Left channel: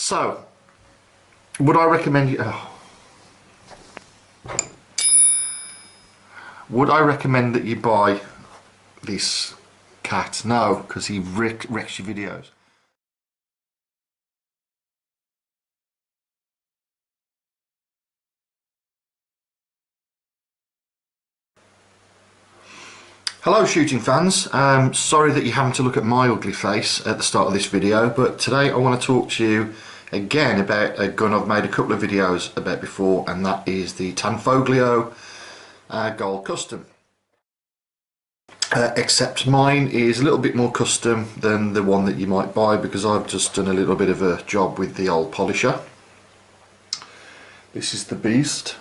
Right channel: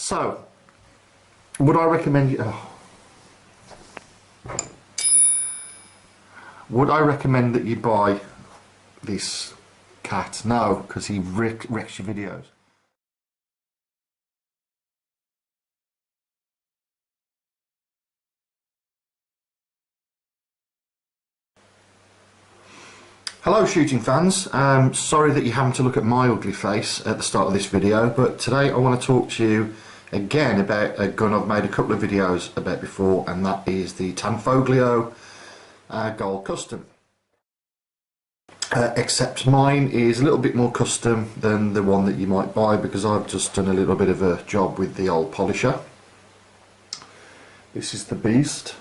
So, would I recommend you... Would I recommend that you buy this cat? No, because he wrecks your videos. Hello shooting fans, sorry that you're having to look at my ugly face at the start of this video, but today I want to talk to you again about a gun I've made a couple of videos about before, and that is the Tanfoglio Gold Custom. Except mine is a little bit more custom than the one that you might buy, because I've just done a little bit of a job with the old polisher. This is the beast.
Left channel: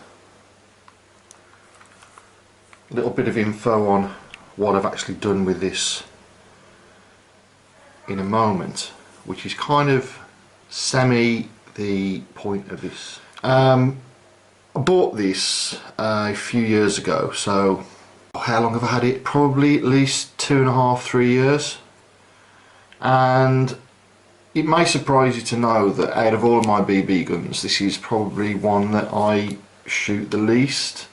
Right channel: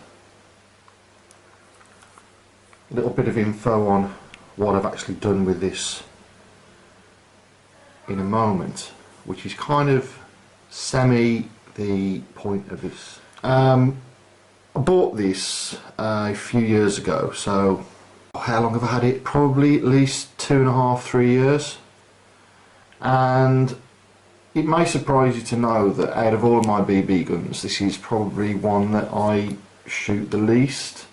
A little bit of info on what I've actually done with this in a moment, which is kind of semi the point of this. I bought this a few years ago, so how long have I had it? Probably at least 2.5 to 3 years, and it may surprise you to know that out of all of my BB guns, this is probably one that I shoot the least.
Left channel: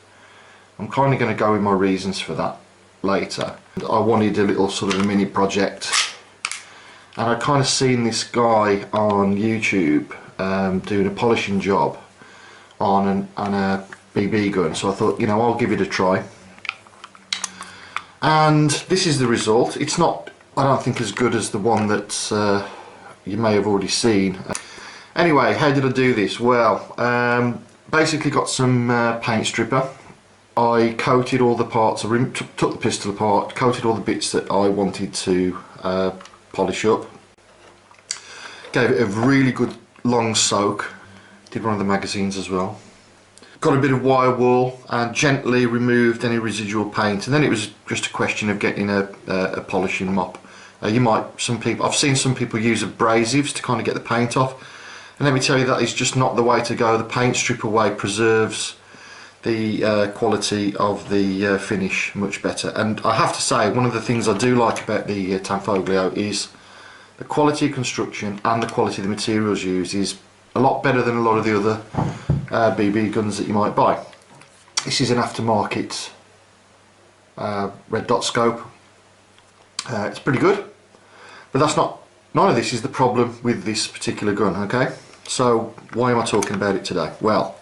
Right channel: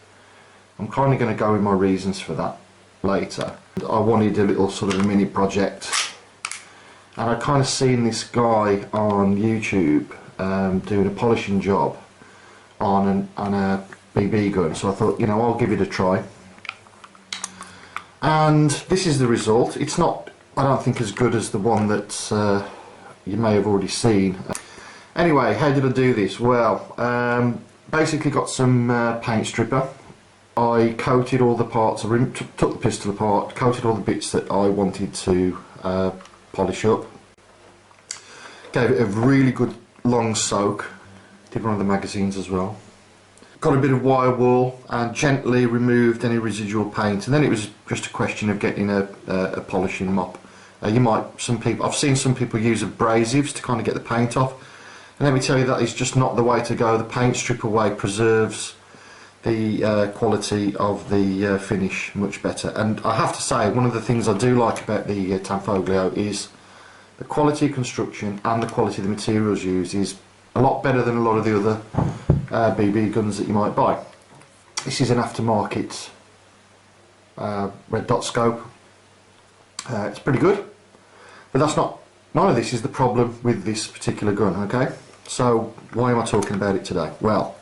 I'm kind of going to go with my reasons for that later. I wanted a little sort of a mini project, and I kind of seen this guy on YouTube doing a polishing job on a BB gun, so I thought, you know, I'll give it a try. And this is the result. It's not, I don't think, as good as the one that you may have already seen. Anyway, how did I do this? Well, basically got some paint stripper. I coated all the parts, I took the pistol apart, coated all the bits that I wanted to polish up. Gave it a really good long soak. Did one of the magazines as well. Got a bit of wire wool and gently removed any residual paint, and then it was just a question of getting a polishing mop. I've seen some people use abrasives to kind of get the paint off, and let me tell you, that is just not the way to go. The paint stripper way preserves the quality of the finish much better. And I have to say, one of the things I do like about the Tanfoglio is the quality of construction and the quality of the materials used is a lot better than a lot of the other BB guns that you might buy. This is an aftermarket red dot scope. It's pretty good, but none of this is the problem with this particular gun, okay? So why am I talking about it today? Well,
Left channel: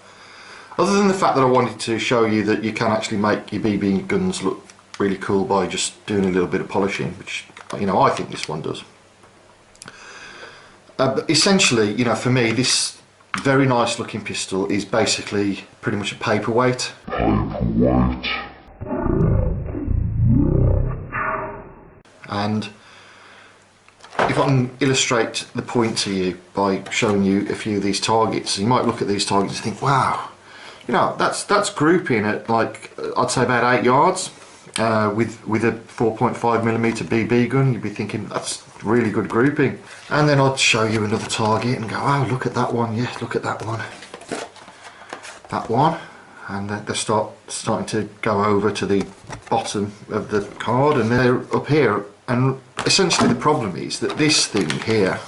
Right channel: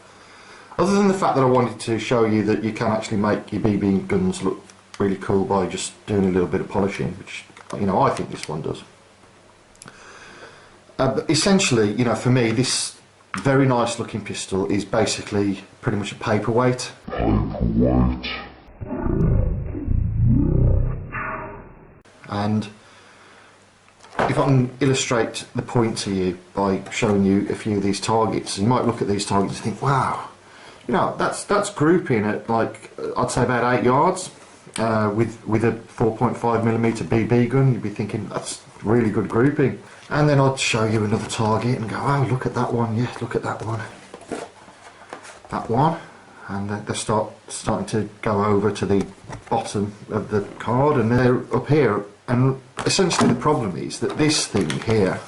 other than the fact that I wanted to show you that you can actually make your BB guns look really cool by just doing a little bit of polishing, which, you know, I think this one does. But essentially, you know, for me, this very nice looking pistol is basically pretty much a paperweight. And if I can illustrate the point to you by showing you a few of these targets, you might look at these targets and think, wow, you know, that's grouping at, like, I'd say about 8 yards with a 4.5mm BB gun. You'd be thinking that's really good grouping. And then I'd show you another target and go, oh, look at that one, yeah, look at that one, and they're starting to go over to the bottom of the card, and they're up here. And essentially the problem is that this thing here,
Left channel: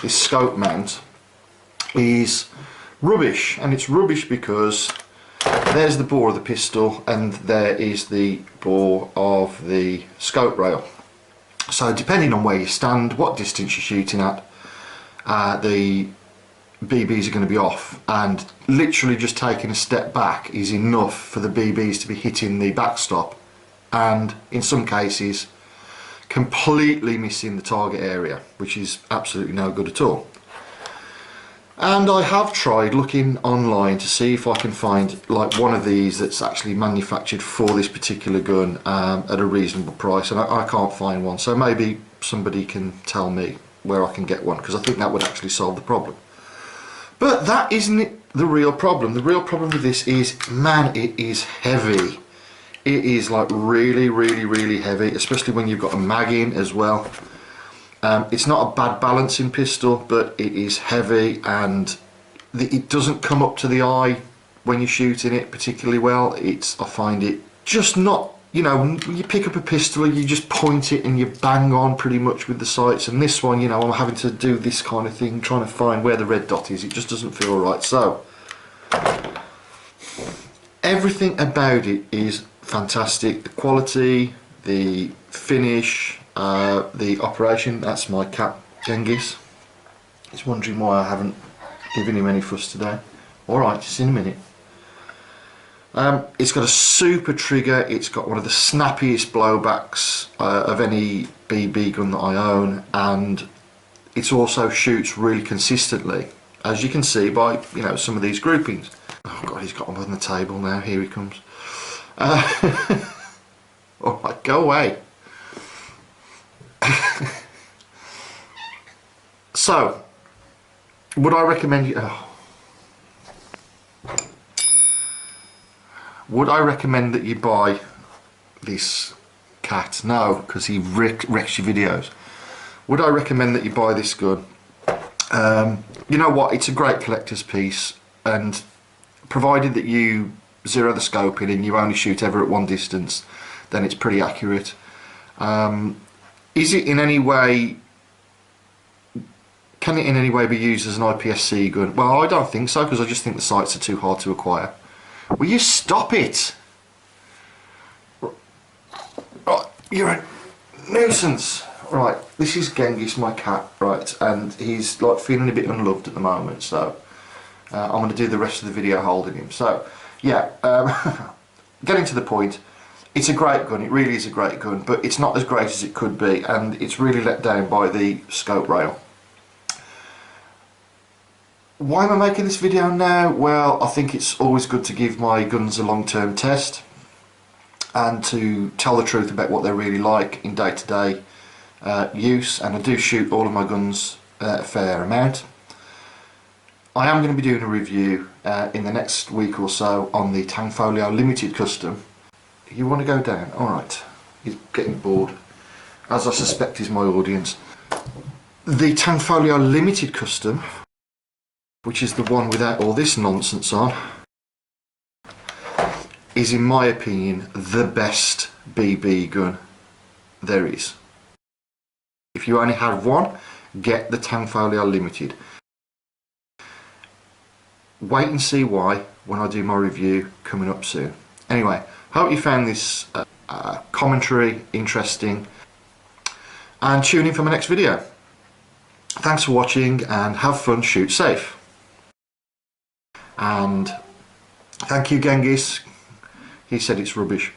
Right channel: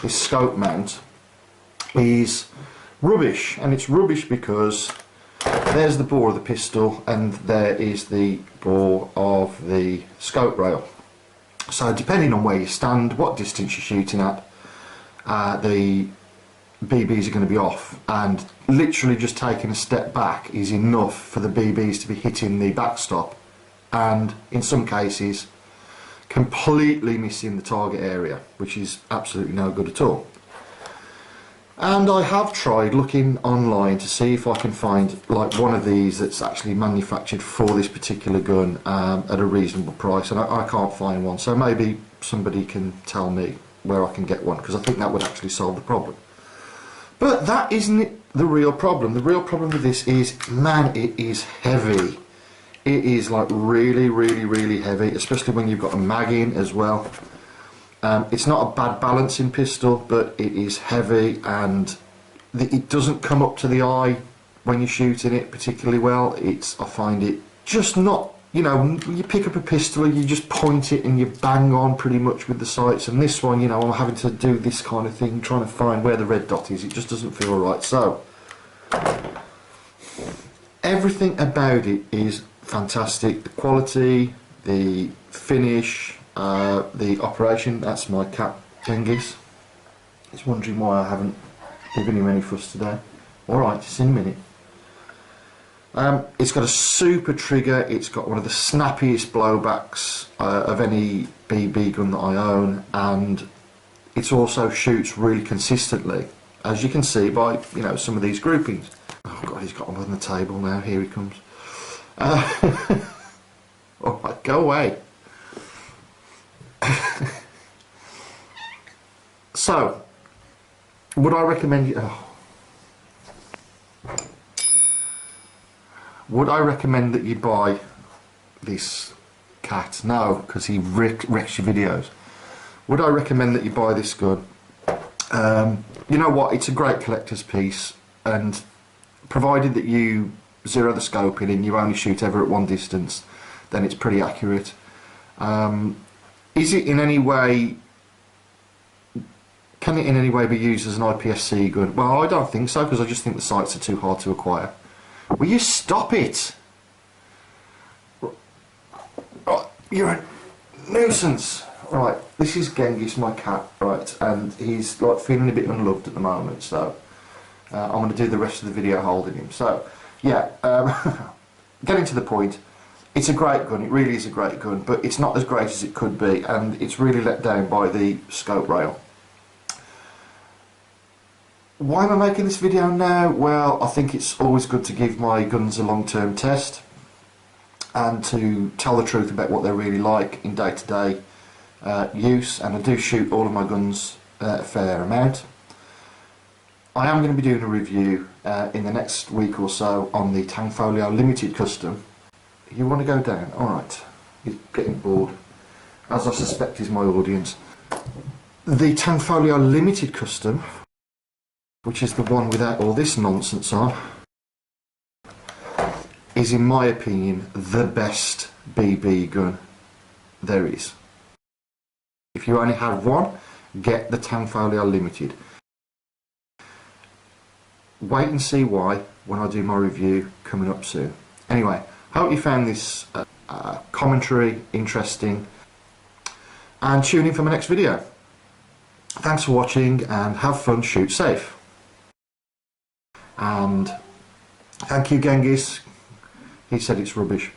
this scope mount, is rubbish, and it's rubbish because there's the bore of the pistol and there is the bore of the scope rail. So depending on where you stand, what distance you're shooting at, the BBs are going to be off, and literally just taking a step back is enough for the BBs to be hitting the backstop, and in some cases completely missing the target area, which is absolutely no good at all. And I have tried looking online to see if I can find like one of these that's actually manufactured for this particular gun at a reasonable price, and I can't find one. So maybe somebody can tell me where I can get one, because I think that would actually solve the problem. But that isn't the real problem. The real problem with this is, man, it is heavy. It is like really, really, really heavy, especially when you've got a mag in as well. It's not a bad balancing pistol, but it is heavy, and it doesn't come up to the eye when you're shooting it particularly well. I find it just not you know, you pick up a pistol, you just point it and you bang on pretty much with the sights. And this one, you know, I'm having to do this kind of thing, trying to find where the red dot is. It just doesn't feel right. So everything about it is fantastic. The quality, the finish, the operation. That's my cat, Genghis. He's wondering why I haven't given him any fuss today. Alright, just in a minute. It's got a super trigger. It's got one of the snappiest blowbacks of any BB gun that I own, and it also shoots really consistently, as you can see by, you know, some of these groupings. Oh god, he's got them on the table now. Here he comes. Alright, go away. So, would I recommend you? Oh. Would I recommend that you buy this cat? No, because he wrecks your videos. Would I recommend that you buy this gun? You know what? It's a great collector's piece, and provided that you zero the scope in and you only shoot ever at one distance, then it's pretty accurate. Is it in any way? Can it in any way be used as an IPSC gun? Well, I don't think so, because I just think the sights are too hard to acquire. Will you stop it? Right, you're a nuisance. Right, this is Genghis, my cat, right, and he's like feeling a bit unloved at the moment, so I'm going to do the rest of the video holding him. So, yeah, getting to the point, it's a great gun, it really is a great gun, but it's not as great as it could be, and it's really let down by the scope rail. Why am I making this video now? Well, I think it's always good to give my guns a long-term test and to tell the truth about what they're really like in day-to-day use, and I do shoot all of my guns a fair amount. I am going to be doing a review in the next week or so on the Tanfoglio Limited Custom. You want to go down? Alright, he's getting bored, as I suspect is my audience. The Tanfoglio Limited Custom, which is the one without all this nonsense on, is in my opinion the best BB gun there is. If you only have one, get the Tanfoglio Limited. Wait and see why when I do my review coming up soon. Anyway, hope you found this commentary interesting, and tune in for my next video. Thanks for watching, and have fun, shoot safe. And thank you, Genghis. He said it's rubbish.